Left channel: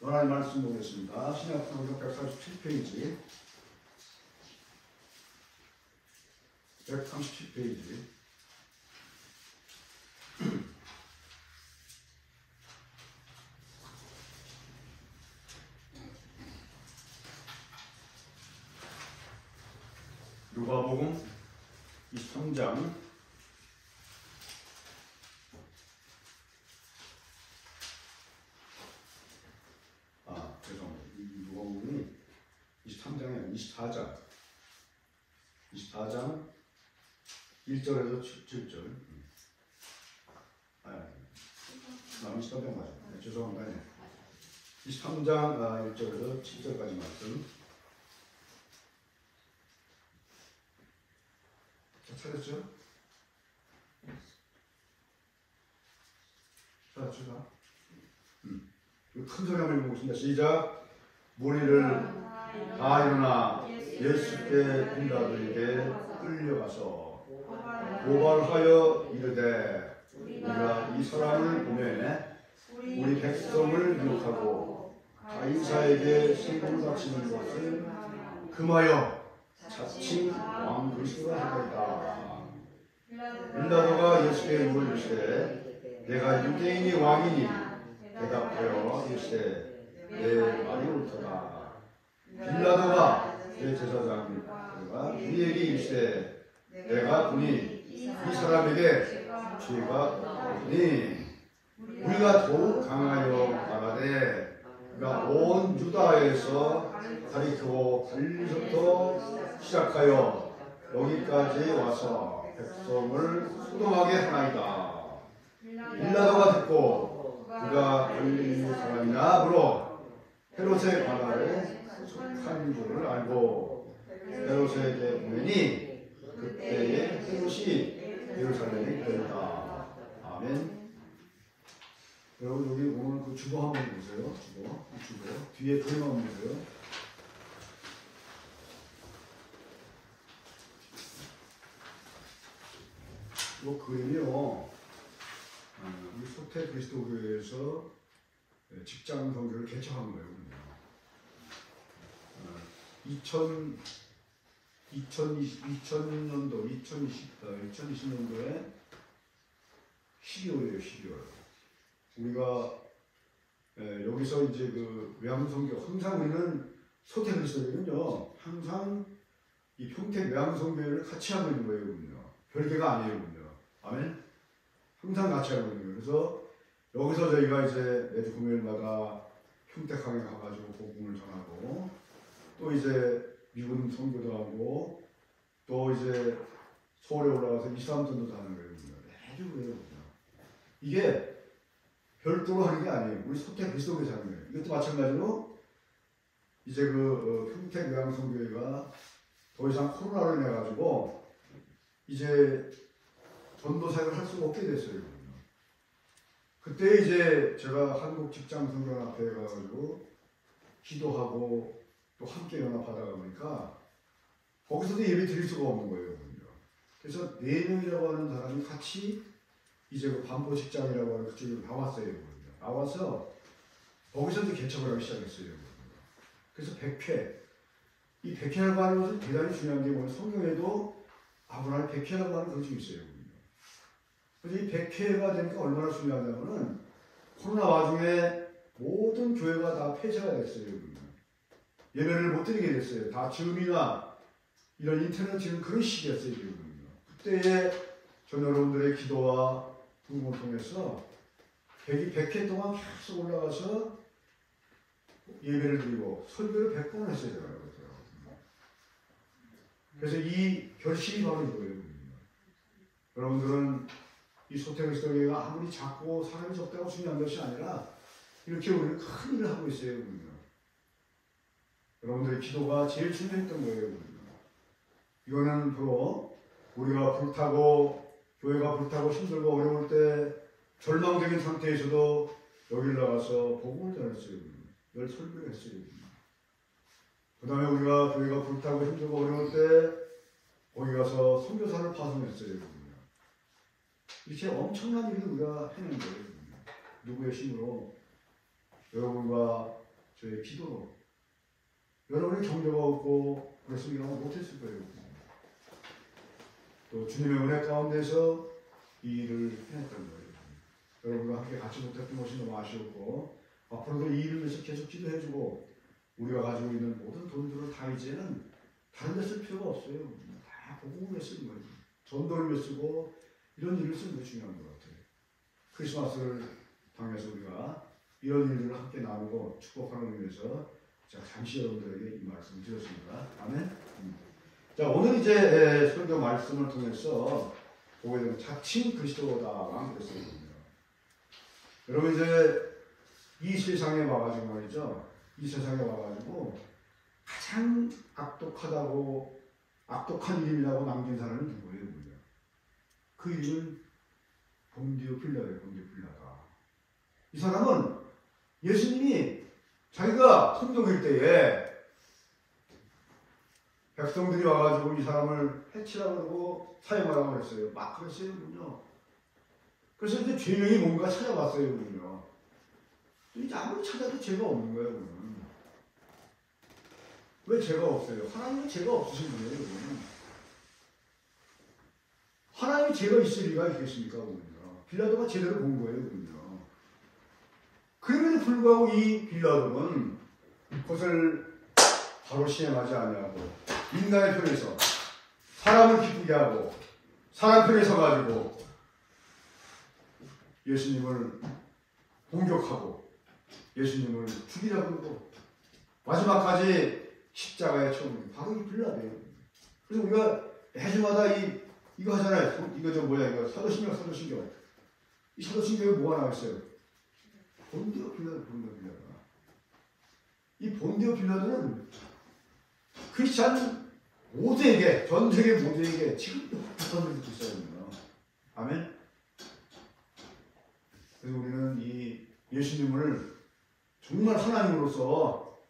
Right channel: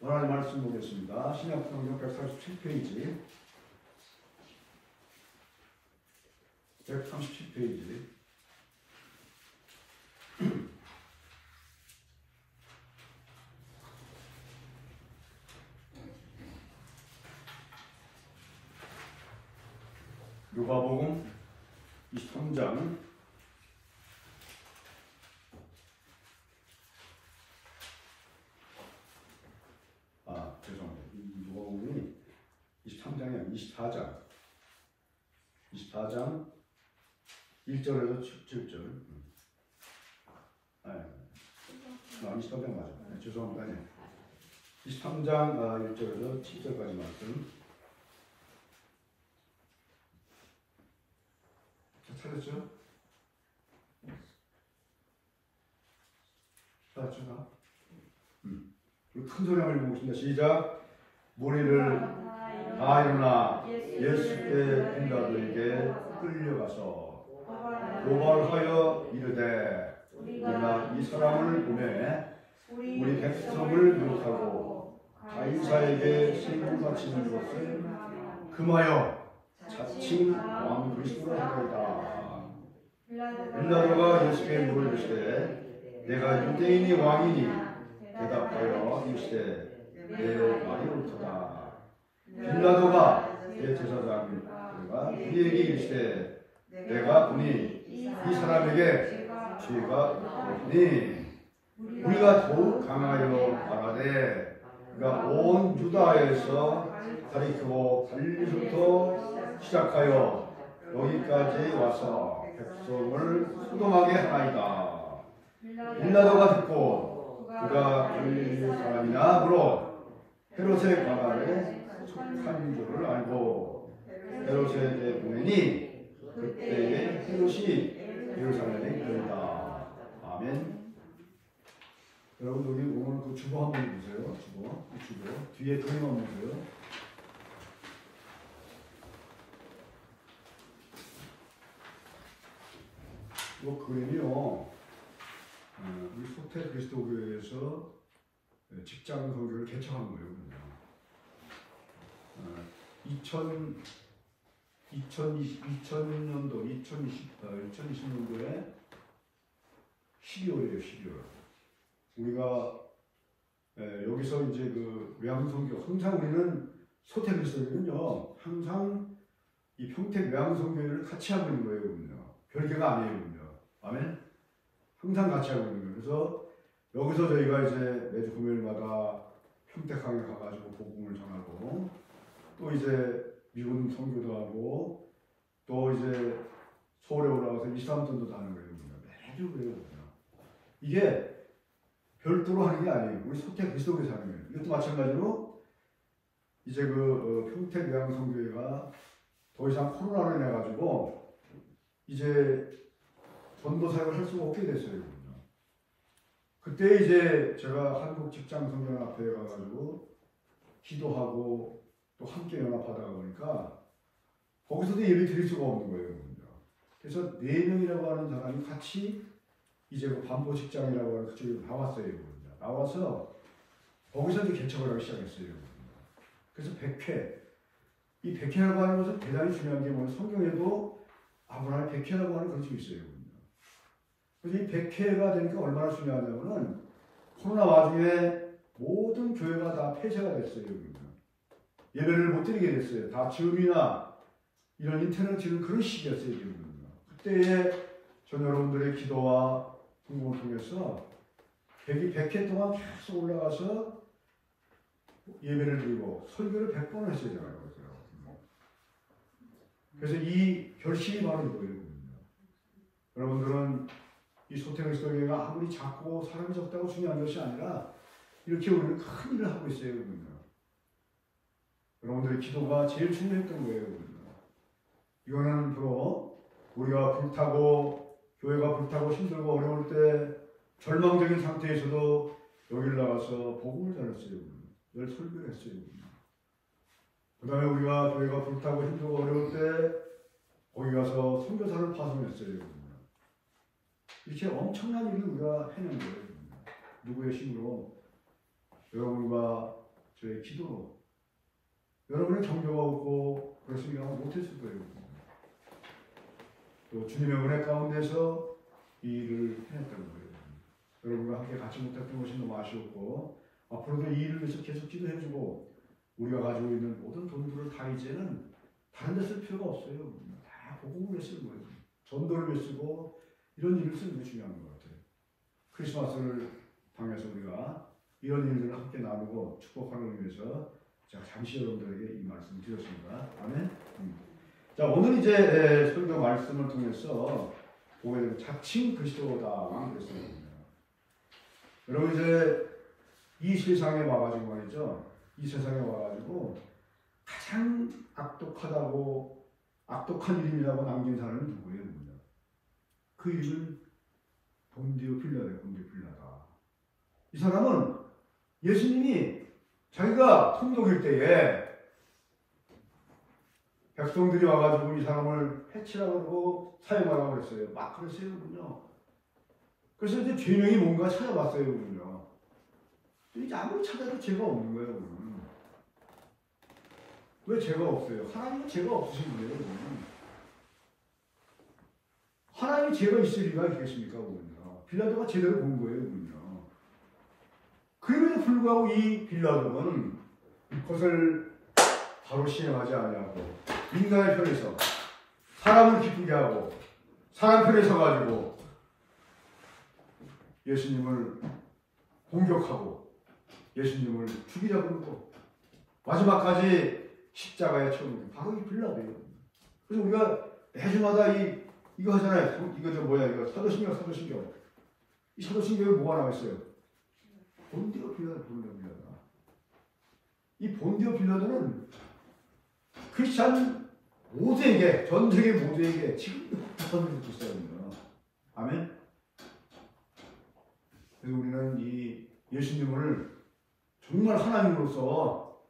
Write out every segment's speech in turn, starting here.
하나님 말씀 보겠습니다. 신약성경 137페이지 137페이지 누가복음 23장 누가복음이 23장이 아니라 24장 1절에서 7절 23장 맞아요. 네, 죄송합니다. 네. 23장 1절에서 7절까지 말씀 찾았죠? 찾았죠? 큰 소리 한번 읽어보겠습니다. 시작. 무리를 다 일어나 예수께 군다들에게 끌려가서 고발하여 이르되 우리가 이 사람을 보내 우리 백성을 미혹하고 가이사에게 세금을 바치는 것을 금하여 자칭 왕 그리스도라 하였다. 빌라도가 예수께 물어 이르시되 내가 유대인의 왕이니 대답하여 이르시되 내 말이 옳도다. 빌라도가 대제사장과 그에게 이르시되 내가 보니 이 사람에게 죄가 없으니 우리가 더욱 강하여 말하되 그가 온 유다에서 가리키고 갈릴리부터 시작하여 여기까지 와서 백성을 소동하게 하나이다. 빌라도가 듣고 그가 갈릴리 사람이나 물어 헤롯의 관할에 속한 줄을 알고 헤롯에게 보내니 그때에 헤롯이 예루살렘에 이르렀다. 아멘. 여러분 여기 오늘 그 주보 한번 보세요. 주보 뒤에 그림 한번 보세요. 이 그림이요. 우리 소태 그리스도교회에서 직장 선교를 개척한 거예요. 2020년도에 12월이에요. 12월. 우리가 여기서 이제 그 외항선교 항상 우리는 소태 그리스도교는요 항상 이 평택 외항선교회를 같이 하고 있는 거예요. 별개가 아니에요. 아멘. 항상 같이 하고 있는 거예요. 그래서 여기서 저희가 이제 매주 금요일마다 평택항에 가가지고 복음을 전하고 또 이제 미군 선교도 하고 또 이제 서울에 올라가서 이스람전도 하는 거예요. 매주 그래요. 이게 별도로 하는 게 아니에요. 우리 소태 그리스도교에서 하는 거예요. 이것도 마찬가지로 이제 그 평택 외항선교회가 더 이상 코로나로 인해 가지고 이제 전도 사역을 할 수가 없게 됐어요. 그때 이제 제가 한국 직장 선교연합회에 가가지고 기도하고 또 함께 연합하다가 보니까 거기서도 예배 드릴 수가 없는 거예요. 그래서 4명이라고 하는 사람이 같이 이제 그 반포 직장이라고 하는 그쪽으로 나왔어요. 나와서 거기서 이제 개척을 하기 시작했어요. 그래서 100회. 이 100회라고 하는 것은 대단히 중요한 게 뭐냐면 성경에도 아브라함 100회라고 하는 것이 있어요. 그래서 이 100회가 되니까 얼마나 중요하냐면은 코로나 와중에 모든 교회가 다 폐쇄가 됐어요. 예배를 못 드리게 됐어요. 다 줌이나 이런 인터넷 지금 그런 시기였어요. 그때에 전 여러분들의 기도와 궁금을 통해서 100회 동안 계속 올라가서 예배를 드리고 설교를 100번 했어야 되는 거죠. 그래서 이 결심이 바로 이거예요. 여러분들은 이 소태그리스도교회가 아무리 작고 사람이 적다고 중요한 것이 아니라 이렇게 우리는 큰 일을 하고 있어요. 여러분들의 기도가 제일 중요했던 거예요. 이거는 바로 우리가 불타고 교회가 불타고 힘들고 어려울 때 절망적인 상태에서도 여기를 나가서 복음을 전했어요. 열 설교를 했어요. 그 다음에 우리가 교회가 불타고 힘들고 어려울 때 거기 가서 선교사를 파송했어요. 이렇게 엄청난 일을 우리가 해낸 거예요. 누구의 힘으로? 여러분과 저의 기도로. 여러분의 격려가 없고 그렇습니다. 못했을 거예요. 또 주님의 은혜 가운데서 이 일을 해냈던 거예요. 여러분과 함께 같이 못했던 것이 너무 아쉬웠고 앞으로도 이 일을 위해서 계속 기도해주고 우리가 가지고 있는 모든 돈들을 다 이제는 다른 데 쓸 필요가 없어요. 다 복음을 위해 쓰는 거예요. 전도를 위해 쓰고 이런 일을 쓰는 게 중요한 것 같아요. 크리스마스를 당해서 우리가 이런 일들을 함께 나누고 축복하는 의미에서 제가 잠시 여러분들에게 이 말씀을 드렸습니다. 아멘. 자, 오늘 이제 설교 말씀을 통해서 보게 되는 자칭 그리스도다 그랬습니다. 여러분 이제 이 세상에 와가지고 말이죠. 이 세상에 와가지고 가장 악독한 이름이라고 남긴 사람은 누구예요? 그 이름은 본디오 빌라예요. 본디오 빌라다. 이 사람은 예수님이 자기가 통독일 때에 백성들이 와가지고 이 사람을 해치라고 그러고 사형하라고 그랬어요. 막 그랬어요. 그래서 이제 죄명이 뭔가 찾아봤어요. 이제 아무리 찾아도 죄가 없는 거예요. 왜 죄가 없어요? 하나님은 죄가 없으신 분이에요. 하나님이 죄가 있을 리가 있겠습니까? 빌라도가 제대로 본 거예요. 그럼에도 불구하고 이 빌라도는 그것을 바로 시행하지 아니하고 인간의 편에서 사람을 기쁘게 하고 사람 편에 서가지고 예수님을 공격하고 예수님을 죽이려고 하고 마지막까지 십자가에 처음 바로 이 빌라도예요. 그래서 우리가 매주마다 이거 하잖아요. 이거 이거 사도신경. 이 사도신경에 뭐가 나와 있어요? 본디오 빌라도. 이 본디오 빌라도는 크리스찬 모두에게, 전 세계 모두에게 지금도 비판을 듣고 있어요. 아멘. 그래서 우리는 이 예수님을 정말 하나님으로서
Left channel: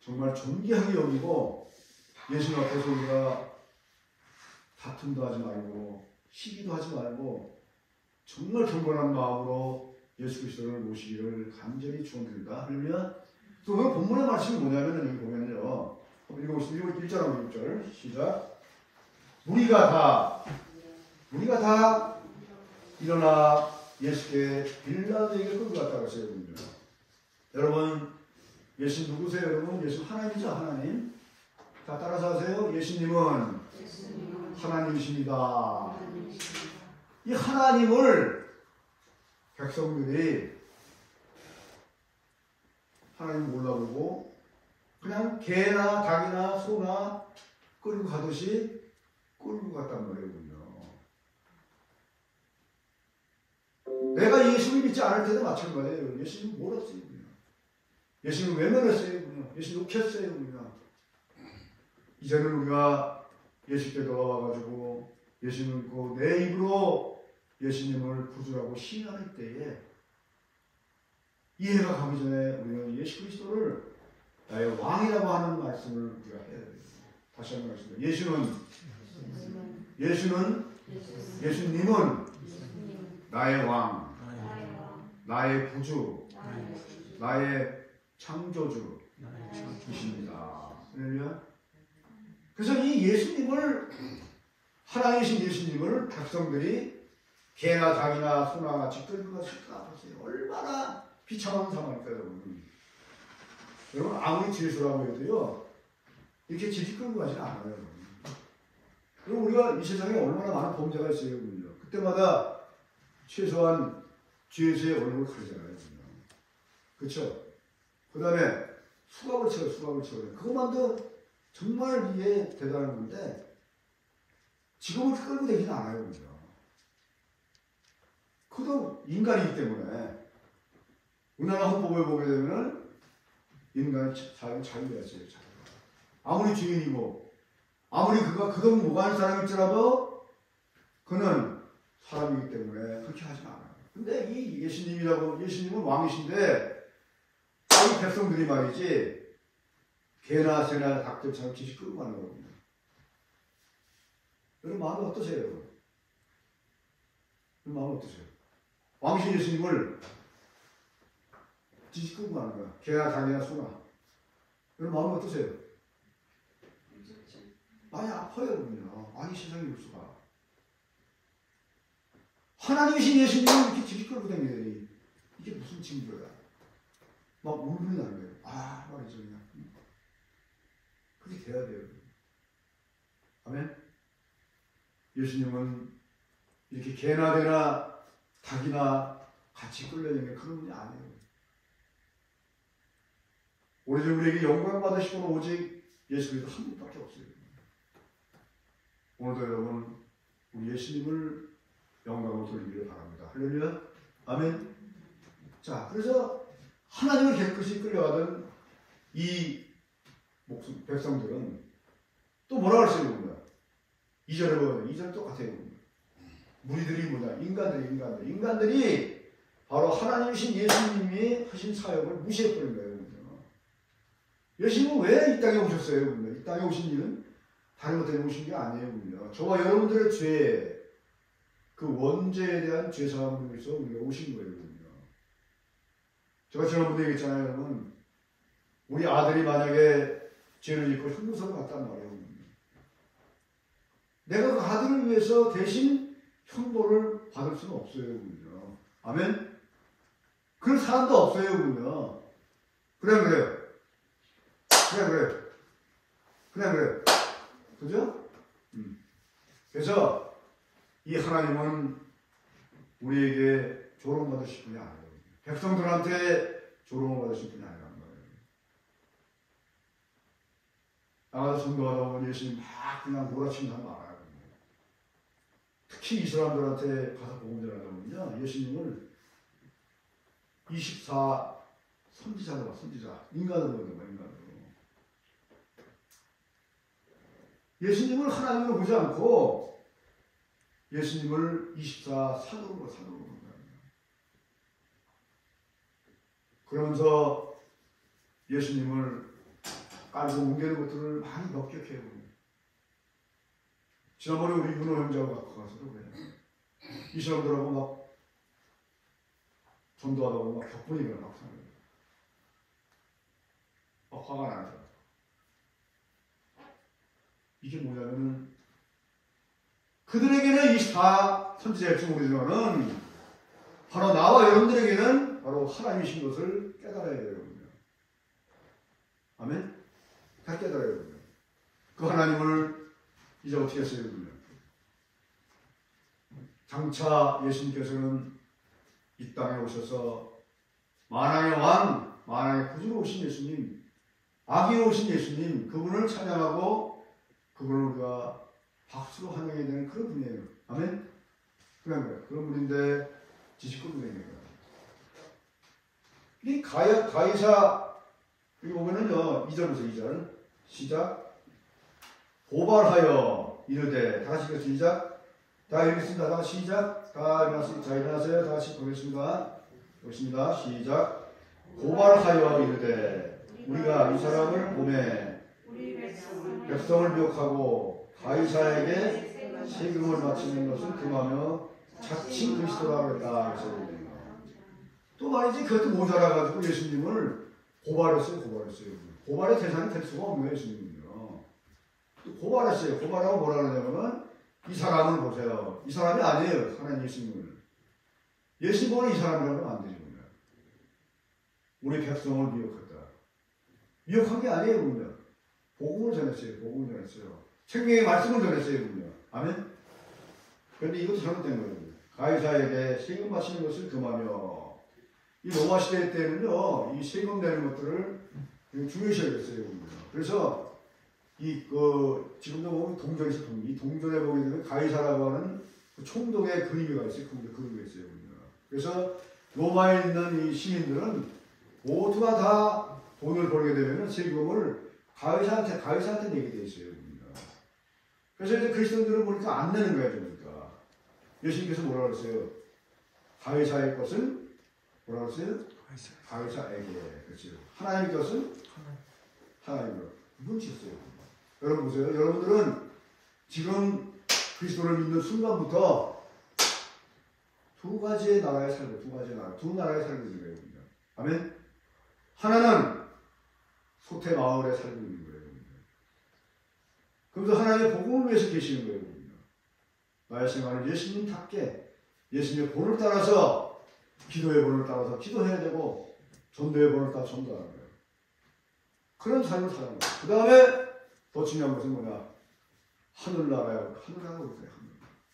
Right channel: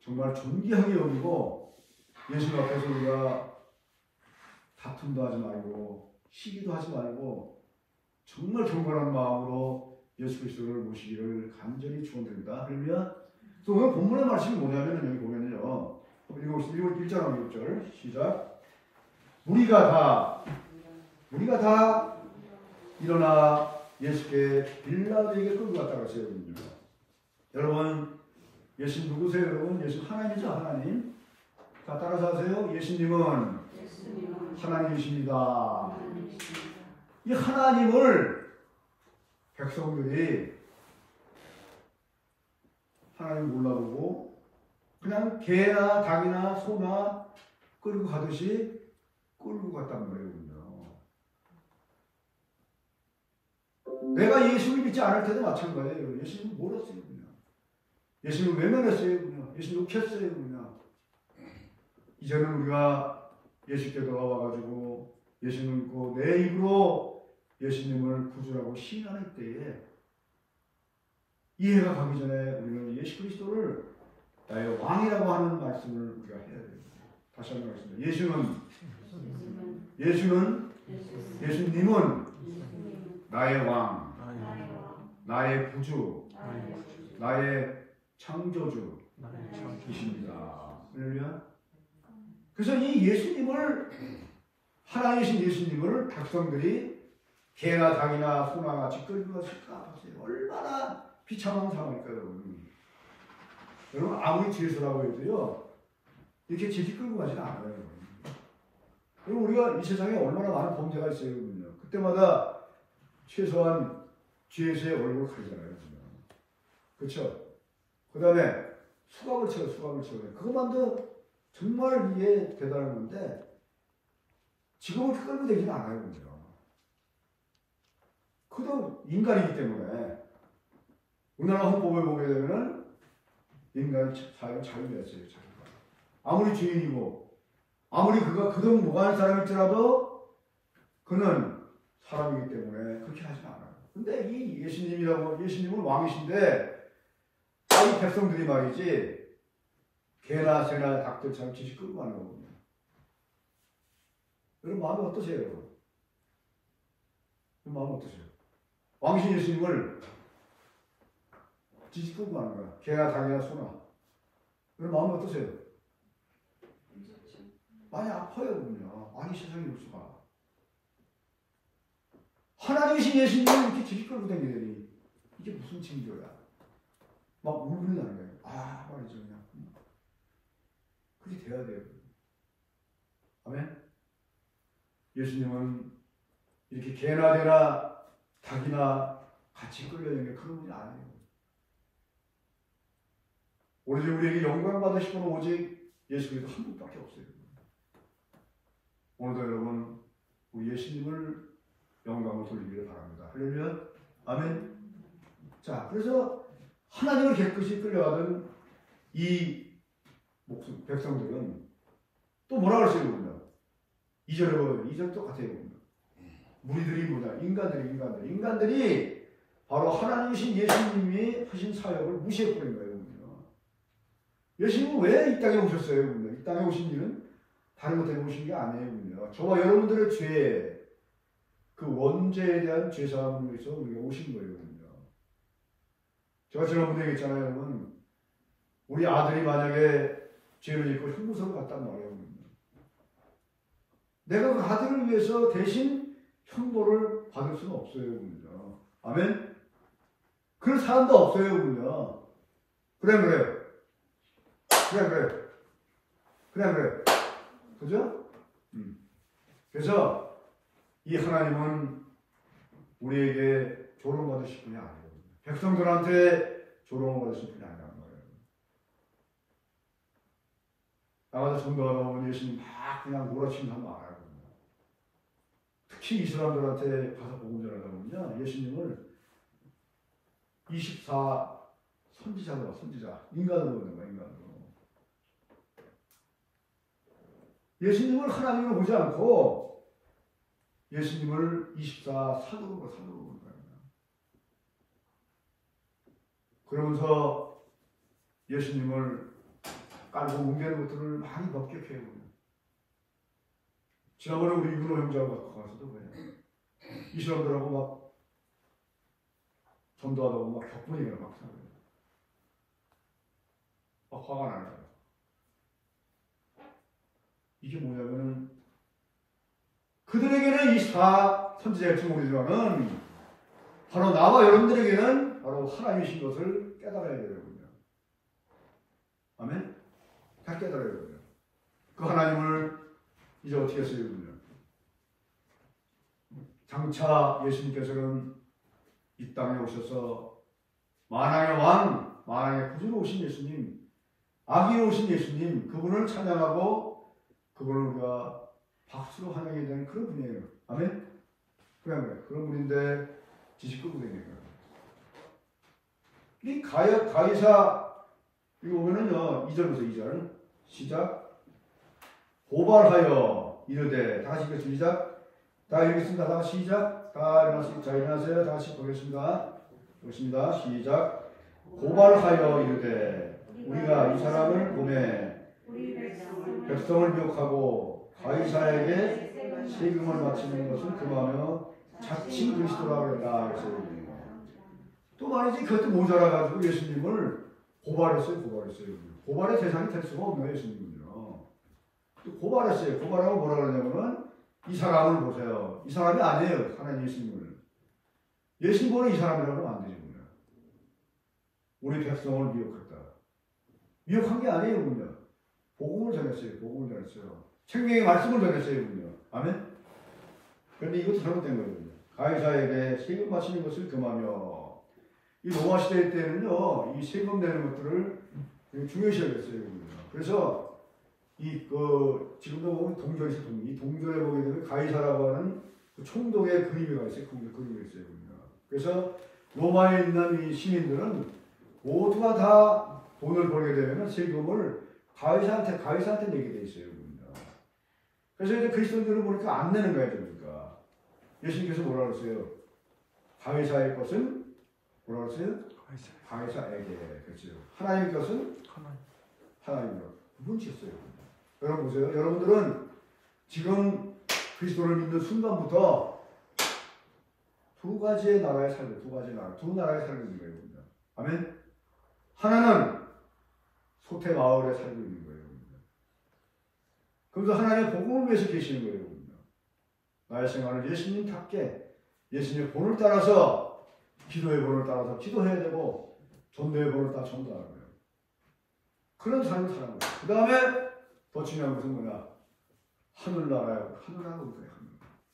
정말 존귀하게 여기고 예수님 앞에서 우리가 다툼도 하지 말고 시기도 하지 말고 정말 경건한 마음으로 예수 그리스도를 모시기를 간절히 축원드립니다. 할렐루야. 또 오늘 본문의 말씀이 뭐냐면 여기 보면요. 읽어보시죠. 1절 6절 시작. 우리가 다 일어나 예수께 빌라도에게 끌고 갔다 그랬어요. 여러분 예수 누구세요? 여러분 예수 하나님이죠. 하나님. 자 따라서 하세요. 예수님은 하나님이십니다. 이 하나님을 백성들이 하나님을 몰라보고 그냥 개나 닭이나 소나 끌고 가듯이 끌고 갔단 말이에요. 내가 예수님 믿지 않을 때도 마찬가지예요. 예수님 몰랐어요. 예수님 외면했어요. 예수님 욕했어요. 이제는 우리가 예수께 돌아와가지고 예수님 믿고 내 입으로 예수님을 구주라고 시인하는 때에 이해가 가기 전에 우리는 예수 그리스도를 나의 왕이라고 하는 말씀을 우리가 해야 돼요. 다시 한번 하겠습니다. 예수님은 나의 왕, 나의 구주, 나의 창조주이십니다. 그래서 이 예수님을 하나님이신 예수님을 백성들이 개나 닭이나 소나 같이 끌고 갔을까 보세요. 얼마나 비참한 상황일까요, 여러분. 여러분 아무리 죄수라고 해도요 이렇게 제지 끌고 가지는 않아요. 여러분 우리가 이 세상에 얼마나 많은 범죄가 있어요. 그때마다 최소한 죄수의 얼굴을 가리잖아요. 그렇죠? 그 다음에 수갑을 쳐요. 그것만도 정말 이게 대단한 건데 지금은 끌고 되지는 않아요. 그도 인간이기 때문에 우리나라 헌법을 보게 되면은 인간이 자유가 있어요. 아무리 죄인이고 아무리 그가 그동 무관한 사람일지라도 그는 사람이기 때문에 그렇게 하지 않아요. 근데 이 예수님은 왕이신데 이 백성들이 말이지 개나 새나 닭들처럼 지식 끌고 가는 거거든요. 여러분 마음이 어떠세요? 왕이신 예수님을 지지끄고 가는 거야. 개나 닭이나 소나. 그럼 마음이 어떠세요? 많이 아파요, 그러면. 아니, 세상에 올 수가. 하나님이신 예수님을 이렇게 지지끌고 다니더니 이게 무슨 징조야? 막 울분이 나는 거예요. 아, 말이죠, 그냥. 그렇게 돼야 돼요. 아멘? 예수님은 이렇게 개나 되나 닭이나 같이 끌려다니는 그런 분이 아니에요. 오로지 우리에게 영광 받으실 분은 오직 예수 그리스도 한 분밖에 없어요. 오늘도 여러분 우리 예수님을 영광을 돌리기를 바랍니다. 할렐루야. 아멘. 자, 그래서 하나님을 깨끗이 끌려가던 이 백성들은 또 뭐라고 했어요? 그러면 2절에 보면 2절 똑같아요. 무리들이 뭐냐? 인간들이 바로 하나님이신 예수님이 하신 사역을 무시해버린 거예요. 예수님은 왜 이 땅에 오셨어요? 이 땅에 오신 이유는 다른 것 때문에 오신 게 아니에요. 저와 여러분들의 죄, 그 원죄에 대한 죄사함을 위해서 우리가 오신 거예요. 제가 지난번에 얘기했잖아요. 여러분. 우리 아들이 만약에 죄를 짓고 형무소로 갔단 말이에요. 내가 그 아들을 위해서 대신 형벌을 받을 수는 없어요. 아멘? 그런 사람도 없어요. 그래요. 그죠? 그래서 이 하나님은 우리에게 조롱받으실 분이 아니에요. 백성들한테 조롱을 받으실 분이 아니라는 거예요. 나가서 전도하다 보면 예수님 막 그냥 몰아치면 말아요. 특히 이 사람들한테 가서 복음 전하다 보면요. 예수님을 24 선지자로 선지자. 인간으로 보는 거예요. 인간으로. 예수님을 하나님으로 보지 않고 예수님을 24 사도로 보는 거예요. 그러면서 예수님을 깔고 뭉개는 것들을 많이 법격해요. 지난번에 우리 윤호 형제하고 가서도 그래요. 이 사람들하고 막 전도하다가 막 격분이가 막 사는 거예요. 막 화가 나는 거예요. 이게 뭐냐면은 그들에게는 24 선지자의 우리들은 바로 나와 여러분들에게는 바로 하나님이신 것을 깨달아야 돼요. 아멘? 다 깨달아야 돼요. 그 하나님을 이제 어떻게 했어요? 장차 예수님께서는 이 땅에 오셔서 만왕의 왕, 만왕의 구주로 오신 예수님, 아기로 오신 예수님, 그분을 찬양하고 그분을 우리가 박수로 환영해야 되는 그런 분이에요. 아멘? 그런 분인데 지식끌고 다니니까. 이 가이사 여기 보면은요 2절부터 2절 시작. 고발하여 이르되 다 같이 시작. 다 읽겠습니다. 다 시작. 다 일어나세요. 자 일어나세요. 다 같이 보겠습니다. 보겠습니다. 시작. 고발하여 이르되 우리가 이 사람을 보매 백성을 미혹하고 가이사에게 세금을 바치는 것을 금하며 자칭 그리스도라고 했다. 또 말이지 그것도 모자라가지고 예수님을 고발했어요. 고발의 대상이 될 수가 없네요. 예수님은요. 고발했어요. 고발하고 뭐라 그러냐면 이 사람을 보세요. 이 사람이 아니에요. 하나님 예수님을. 예수님 보는 이 사람이라고 하면 안 되죠. 우리 백성을 미혹했다. 미혹한 게 아니에요. 그러면. 복음을 전했어요. 생명의 말씀을 전했어요. 아멘? 그런데 이것도 잘못된 거예요. 가이사에게 세금 바치는 것을 금하며 이 로마 시대 때는요, 이 세금 내는 것들을 중요시 여겼어요. 그래서 지금도 보면 동전에서 이 동전에 보게 되면 가이사라고 하는 그 총독의 그림이 있어요. 그림이 있어요. 그래서 로마에 있는 이 시민들은 모두가 다 돈을 벌게 되면 세금을 가이사한테 내게 돼 있어요. 그래서 이제 그리스도인들은 보니까 안 내는 거예요. 그러니까 예수님께서 뭐라 그랬어요? 가이사의 것은 뭐라 그랬어요? 가이사에게. 그렇죠. 하나님의 것은 하나님으로 뭉쳤어요. 여러분 보세요. 여러분들은 지금 그리스도를 믿는 순간부터 두 가지의 나라에 살고 두 나라에 살고 있는 거예요. 아멘? 하나는 소태 마을에 살고 있는 거예요. 그래서 하나님의 복음을 위해서 계시는 거예요. 나의 생활은 예수님답게 예수님의 본을 따라서 기도의 본을 따라서 기도해야 되고 전도의 본을 따라 전도하는 거예요. 그런 삶을 사는 거예요. 그 다음에 더 중요한 것은 뭐냐? 하늘나라요. 하늘나라가 우리가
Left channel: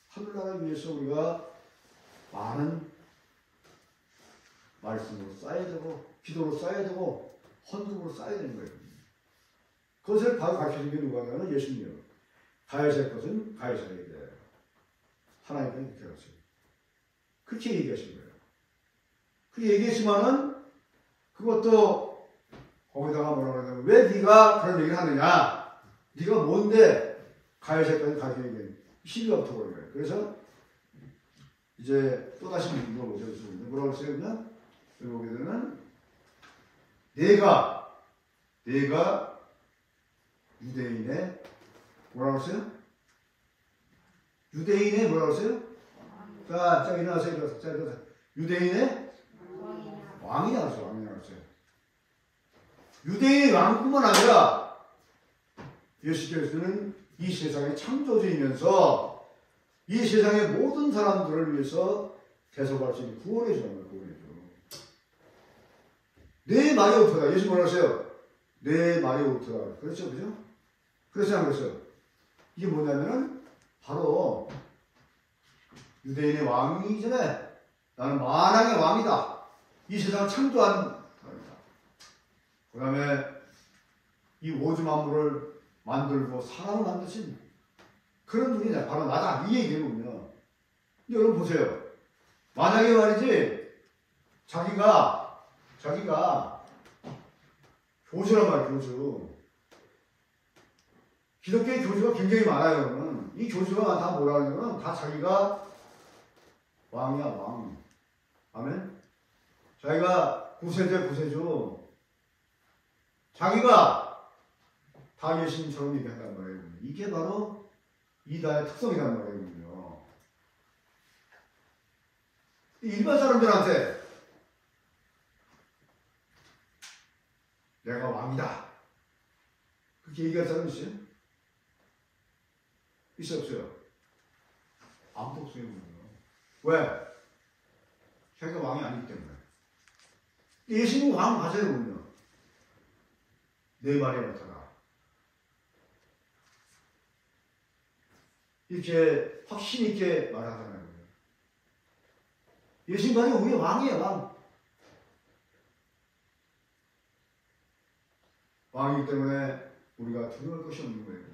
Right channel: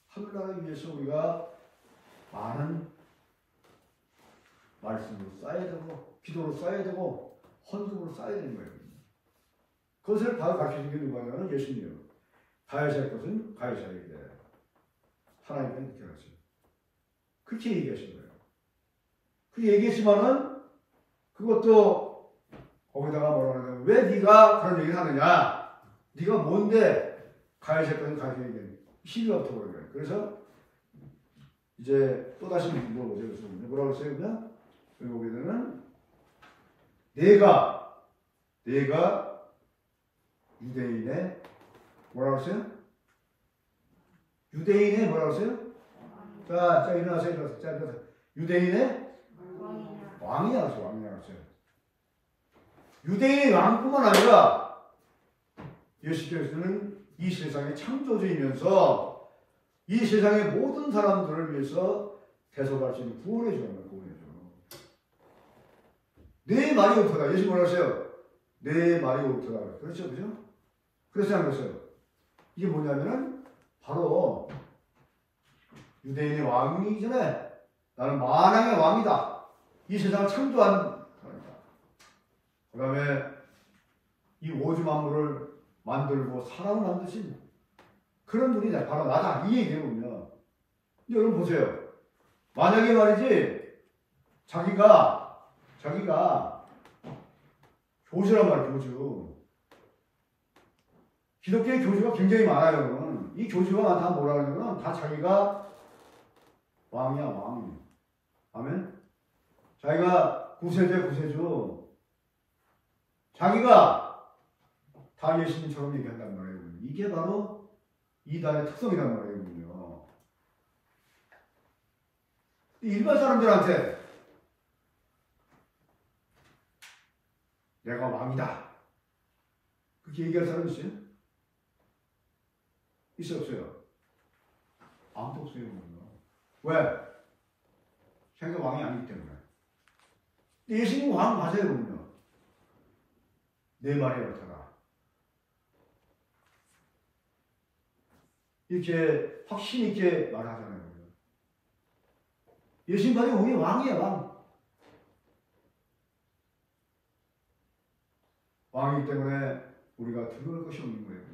하늘나라를 위해서 우리가 많은 말씀으로 쌓여야 되고 기도로 쌓여야 되고 헌금으로 쌓여야 되는 거예요. 그것을 바로 가르쳐준 게 누가냐면 예수님이에요. 가해살 것은 가해살에게 하나님께 맡겨야지. 그렇게 얘기하신 거예요. 그 얘기했지만은 그것도 거기다가 뭐라고 하냐면 왜 네가 그런 얘기를 하느냐? 네가 뭔데 가해살 것은 가해살에게 시비가 붙어버린 거예요. 그래서 이제 또 다시 물어보죠. 그래서 뭐라고 했어요? 그냥 여기 보게 되면 내가 유대인의 뭐라고 했어요? 유대인의 뭐라고 했어요? 자 일어나세요. 자, 유대인의 왕이냐 그랬어요. 왕이냐 그랬어요. 유대인의 왕뿐만 아니라 예수께서는 이 세상의 창조주이면서 이 세상의 모든 사람들을 위해서 대속할 수 있는 구원해 주는 거예요. 구원해 줘. 내 말이 옳다. 예수 뭐라고 했어요? 내 말이 옳다. 그렇죠, 그죠? 그렇지 않겠어요? 이게 뭐냐면은 바로 유대인의 왕이기 전에 나는 만왕의 왕이다. 이 세상을 창조한 사람이다. 그 다음에 이 오주 만물을 만들고 사람을 만드신 그런 분이 바로 나다. 이 얘기거든요. 여러분 보세요. 만약에 말이지 자기가 교주란 말이에요. 교주. 기독교의 교주가 굉장히 많아요. 여러분. 이 교주가 다 뭐라 그러냐면 다 자기가 왕이야, 왕. 아멘? 자기가 구세주. 자기가 다 예수님처럼 얘기한단 말이에요. 이게 바로 이단의 특성이란 말이에요. 일반 사람들한테 내가 왕이다. 그렇게 얘기할 사람 있어요? 있어요, 없어요? 아무도 없어요. 왜? 자기가 왕이 아니기 때문에. 예수님 왕 맞아요. 내 말이 옳다라. 이렇게 확신 있게 말하잖아요. 예수님이 우리 왕이야, 왕. 왕이기 때문에 우리가 두려울 것이 없는 거예요.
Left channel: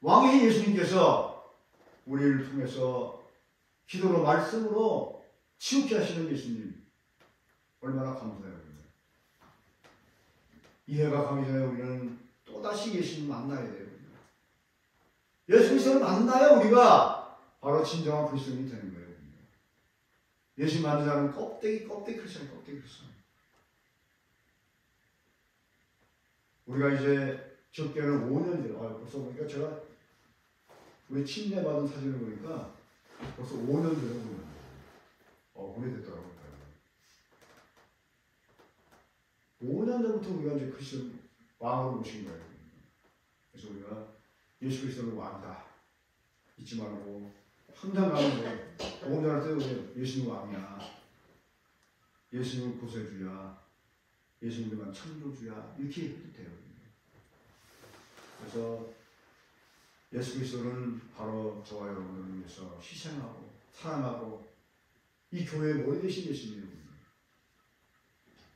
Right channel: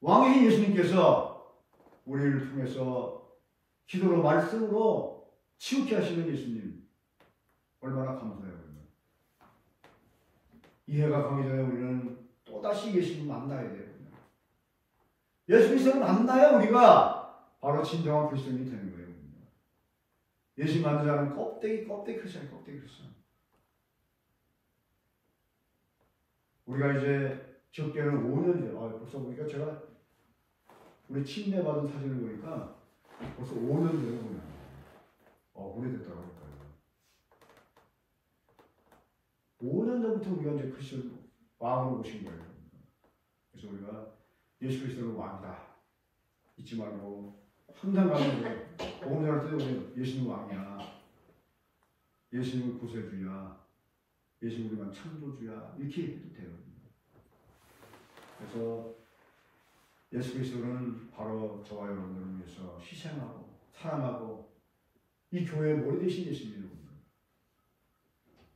왕이신 예수님께서 우리를 통해서 기도로 말씀으로 치우게 하시는 예수님 얼마나 감사해요. 이해가 가기 전에 우리는 또다시 예수님 만나야 돼요. 예수 그리스도를 만나야 우리가 바로 진정한 그리스도인이 되는 거예요. 예수 만난 자는 껍데기 크리스찬, 껍데기 크리스찬. 우리가 이제 기독교는 5년 돼. 벌써 보니까 제가 우리 침례 받은 사진을 보니까 벌써 5년 전에 보면 오래됐더라고요. 5년 전부터 우리가 이제 그리스도 왕으로 모신 거예요. 그래서 우리가 예수 그리스도는 왕이다. 잊지 말고 항상 가는 거예요. 복음 전할 때 우리 예수는 왕이야. 예수는 구세주야. 예수는 우리만 창조주야. 이렇게 해도 돼요. 그래서 예수 그리스도는 바로 저와 여러분을 위해서 희생하고 사랑하고 이 교회의 머리 되신 예수님입니다.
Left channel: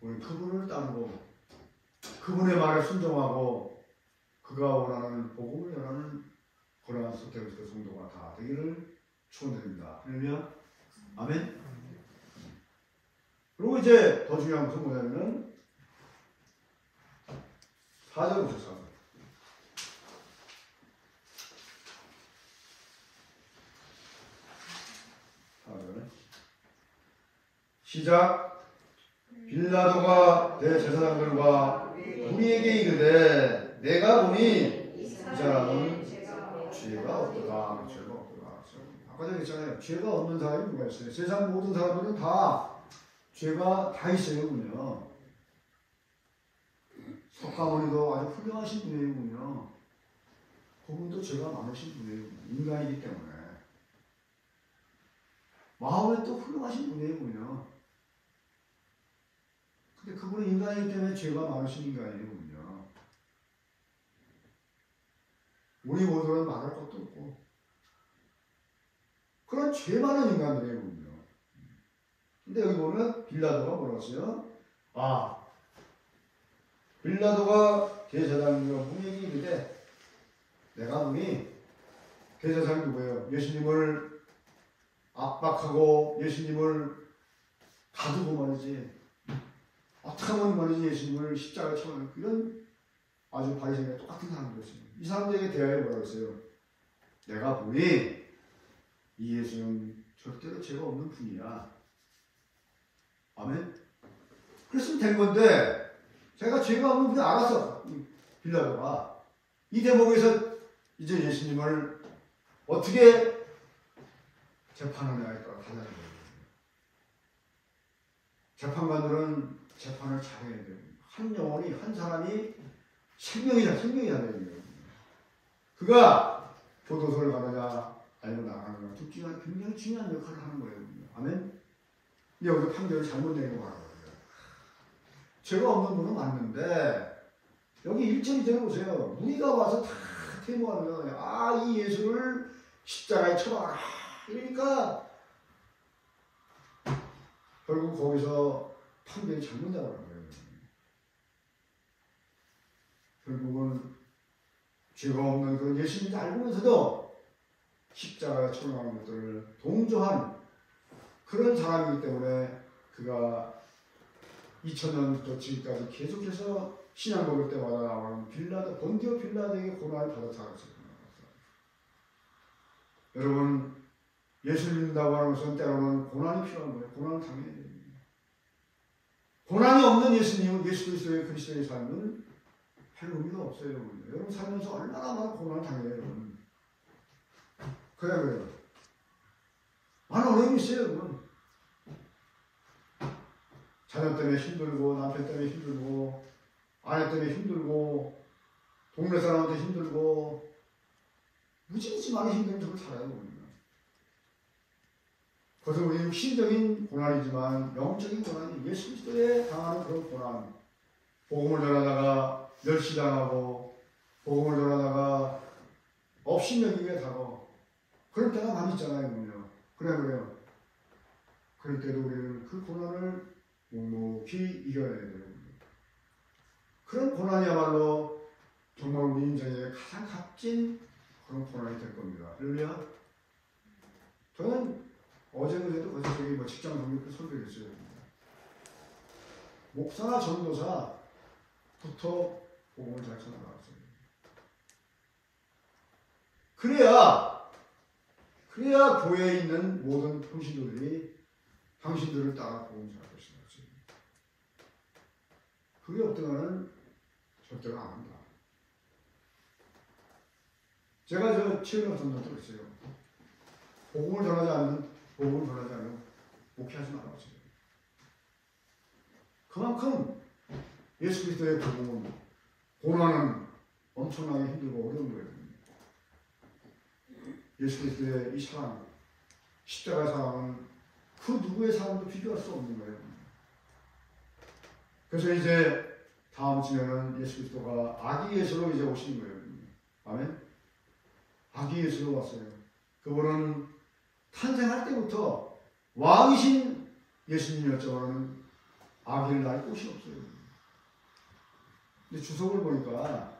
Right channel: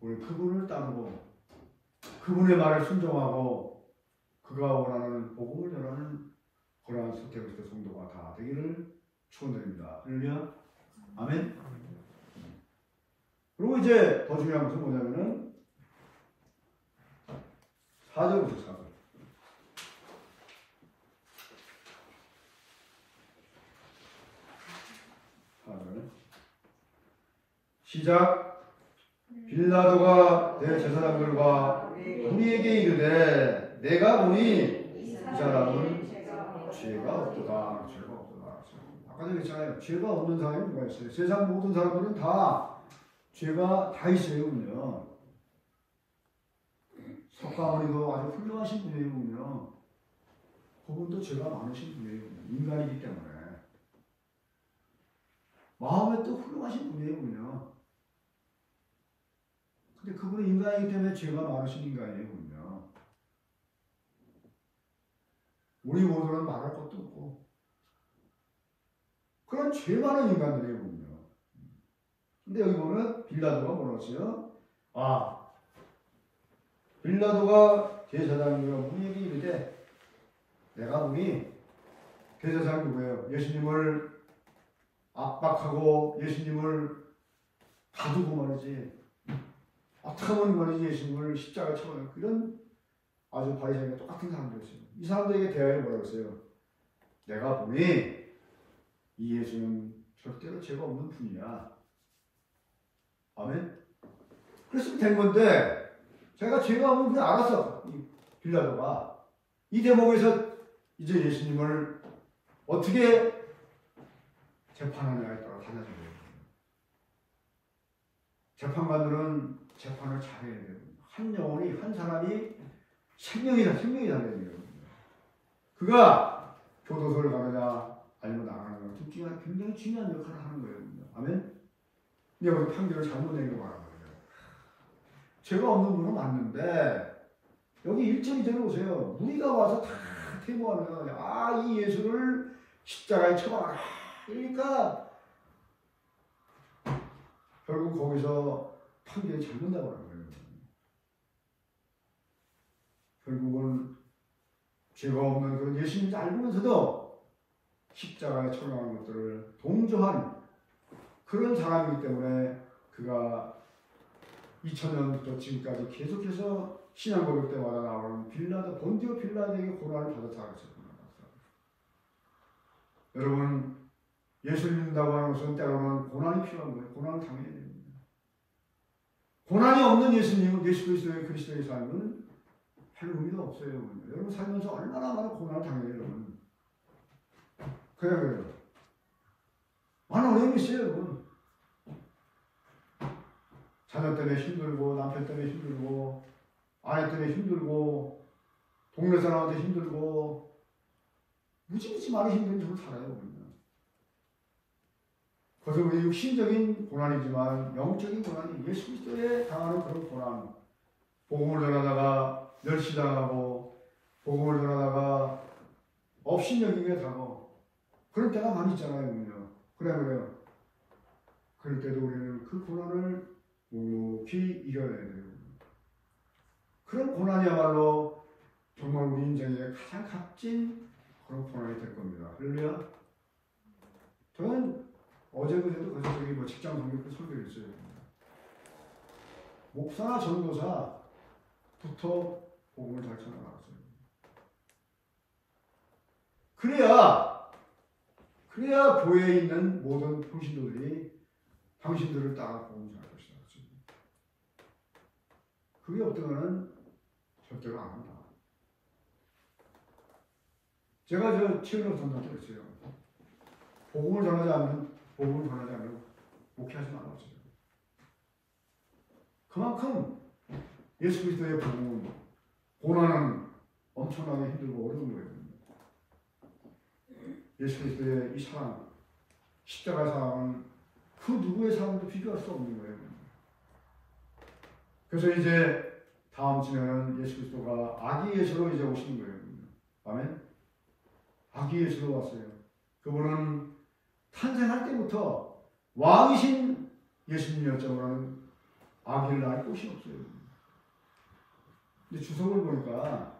우리 그분을 따르고 그분의 말에 순종하고 그가 원하는 복음을 전하는 고난한 소태그리스도 성도가 다 되기를 축원드립니다. 그러면 아멘. 그리고 이제 더 중요한 것은 뭐냐면 4절 보세요. 4절 시작. 빌라도가 내 제사장들과 우리에게 이르되 내가 보니 이 사람은 죄가 없도다. 아까 전에 했잖아요. 죄가 없는 사람이 누가 있어요? 세상 모든 사람들은 다 죄가 다 있어요, 군요. 석가모니도 아주 훌륭하신 분이에요, 군요. 그분도 죄가 많으신 분이에요, 인간이기 때문에. 마음에 또 훌륭하신 분이에요, 군요. 근데 그분은 인간이기 때문에 죄가 많으신 인간이에요, 군요. 우리 모두는 말할 것도 없고, 그런 죄 많은 인간들이에요, 군요. 근데 여기 보면 빌라도가 뭐라고 했어요? 빌라도가 대제사장과 분에게 이르되, 내가 보니 대제사장이 누구예요? 예수님을 압박하고 예수님을 가두고 말이지, 어떻게 하면 말이지 예수님을 십자가에 쳐넣는 이런 아주 바리새인과 똑같은 사람들이었어요. 이 사람들에게 대하여 뭐라고 했어요? 내가 보니 이 예수는 절대로 죄가 없는 분이야. 아멘. 그랬으면 된 건데, 제가 죄가 없는 분 알아서 빌라도가 이 대목에서 이제 예수님을 어떻게 재판하느냐에 따라 달라진 거예요. 재판관들은 재판을 잘해야 돼요. 한 영혼이, 한 사람이 생명이 달려야 돼요. 그가 교도소를 가느냐 아니면 나가느냐 둘 중에 굉장히 중요한 역할을 하는 거예요. 아멘. 근데 여기 판결을 잘못 내리고 말하는 거예요. 죄가 없는 분은 맞는데 여기 1절이 들어보세요. 무리가 와서 다 퇴모하는 거예요. 이 예수를 십자가에 쳐박아라. 그러니까 결국 거기서 판결이 잘못 나가는 거예요. 결국은 죄가 없는 그 예수님을 알면서도 십자가에 처형하는 것들을 동조한 그런 사람이기 때문에 그가 2000년부터 지금까지 계속해서 신앙 고백 때마다 나오는 본디오 빌라도에게 고난을 받아 자랐어요. 여러분, 예수를 믿는다고 하는 것은 때로는 고난이 필요한 거예요. 고난을 당해야 됩니다. 고난이 없는 예수님은, 예수 그리스도의 삶은 별 의미가 없어요. 여러분 살면서 얼마나 많은 고난을 당해요, 여러분. 그래요. 많은 어려움이 있어요, 여러분. 자녀 때문에 힘들고, 남편 때문에 힘들고, 아내 때문에 힘들고, 동네 사람한테 힘들고, 무지무지 많은 힘든 적을 살아요, 여러분. 그래서 우리 육신적인 고난이지만 영적인 고난이 예수 그리스도에 당하는 그런 고난, 복음을 전하다가 멸시당하고 복음을 전하다가 업신여기게 당하고 그럴 때가 많이 있잖아요. 그래요. 그럴 때도 우리는 그 고난을 묵묵히 이겨내야 돼요. 그런 고난이야말로 정말 우리 인생의 가장 값진 그런 고난이 될 겁니다. 할렐루야. 저는 어제그제도 그래서 직장 동료들 설교를 했어요. 목사나 전도사부터 복음을 잘 전해나갔어요. 그래야 교회에 있는 모든 평신도들이 당신들을 따라 복음을 전할 것이다. 그게 없다면 절대로 안 한다. 제가 치유력 전도할 때 그랬어요. 복음을 전하지 않으면 목회하지 말라고 했어요. 그만큼 예수 그리스도의 복음은 고난은 엄청나게 힘들고 어려운 거예요. 예수 그리스도의 이 사랑, 십자가의 사랑은 그 누구의 사랑도 비교할 수 없는 거예요. 그래서 이제 다음 주에는 예수 그리스도가 아기 예수로 이제 오신 거예요. 아멘. 아기 예수로 왔어요. 그분은 탄생할 때부터 왕이신 예수님이었지만 아기를 낳을 곳이 없어요. 근데 주석을 보니까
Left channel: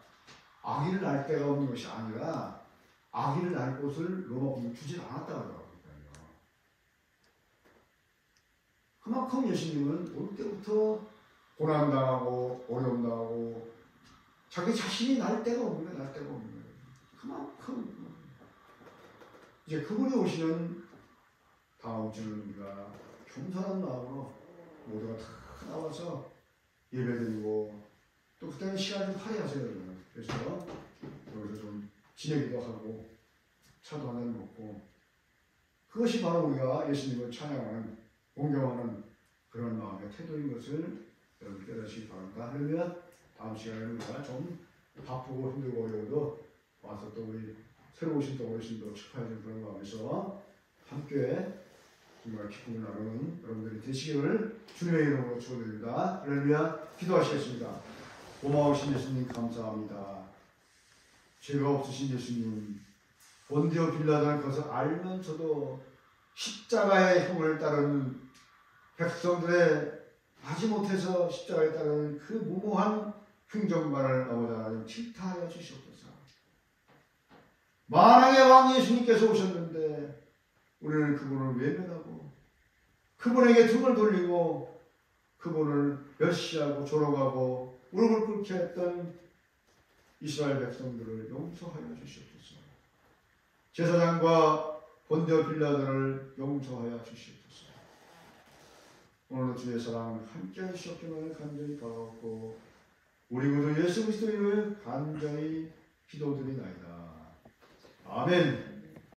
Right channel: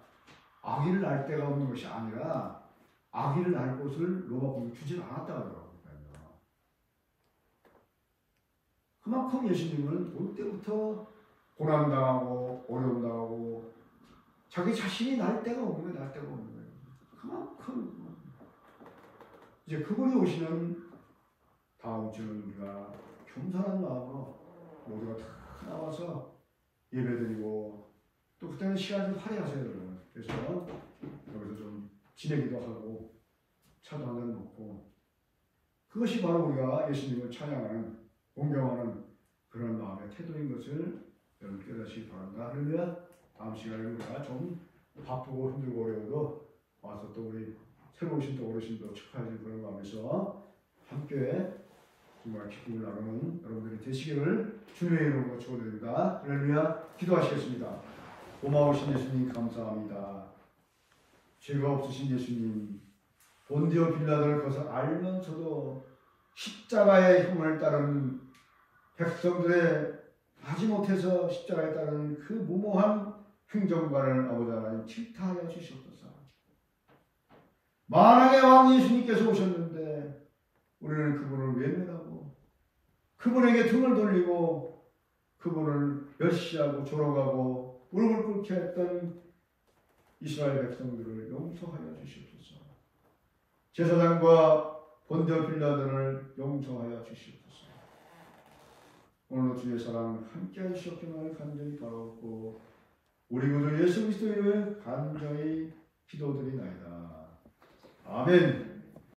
아기를 낳을 데가 없는 것이 아니라 아기를 낳을 곳을 로마 군이 주진 않았다고 하더라고요. 그만큼 예수님은 올 때부터 고난당하고 어려움당하고 자기 자신이 날 데가 없는 거예요. 그만큼 이제 그분이 오시는 다음 주는 우리가 겸손한 마음으로 모두가 다 나와서 예배드리고 또 그때는 시간을 할애하세요. 그래서 여기서 좀 지내기도 하고 차도 한잔 먹고 그것이 바로 우리가 예수님을 찬양하는, 공경하는 그런 마음의 태도인 것을 여러분 깨닫시기 바랍니다. 그러면 다음 시간에 우리가 좀 바쁘고 힘들고 어려워도 와서 또 우리 새로 오신 또 어르신도 축하해주는 그런 마음에서 함께 정말 기쁨을 나누는 여러분들이 되시기를 주님의 이름으로 축원드립니다. 할렐루야. 기도하시겠습니다. 고마우신 예수님 감사합니다. 죄가 없으신 예수님, 본디오 빌라도를 그것을 알면서도 십자가의 흉을 따르는 백성들의 마지못해서 십자가에 따르는 그 무모한 흉정관을 아버지 하나님 질타하여 주시옵소서. 만왕의 왕 예수님께서 오셨는데 우리는 그분을 외면하고 그분에게 등을 돌리고 그분을 멸시하고 조롱하고 무릎을 꿇게 했던 이스라엘 백성들을 용서하여 주시옵소서. 제사장과 본디오 빌라도를 용서하여 주시옵소서. 오늘도 주의 사랑 함께 하시옵기를 간절히 바라옵고 우리 구주 예수 그리스도 이름을 간절히 기도드리나이다. 아멘.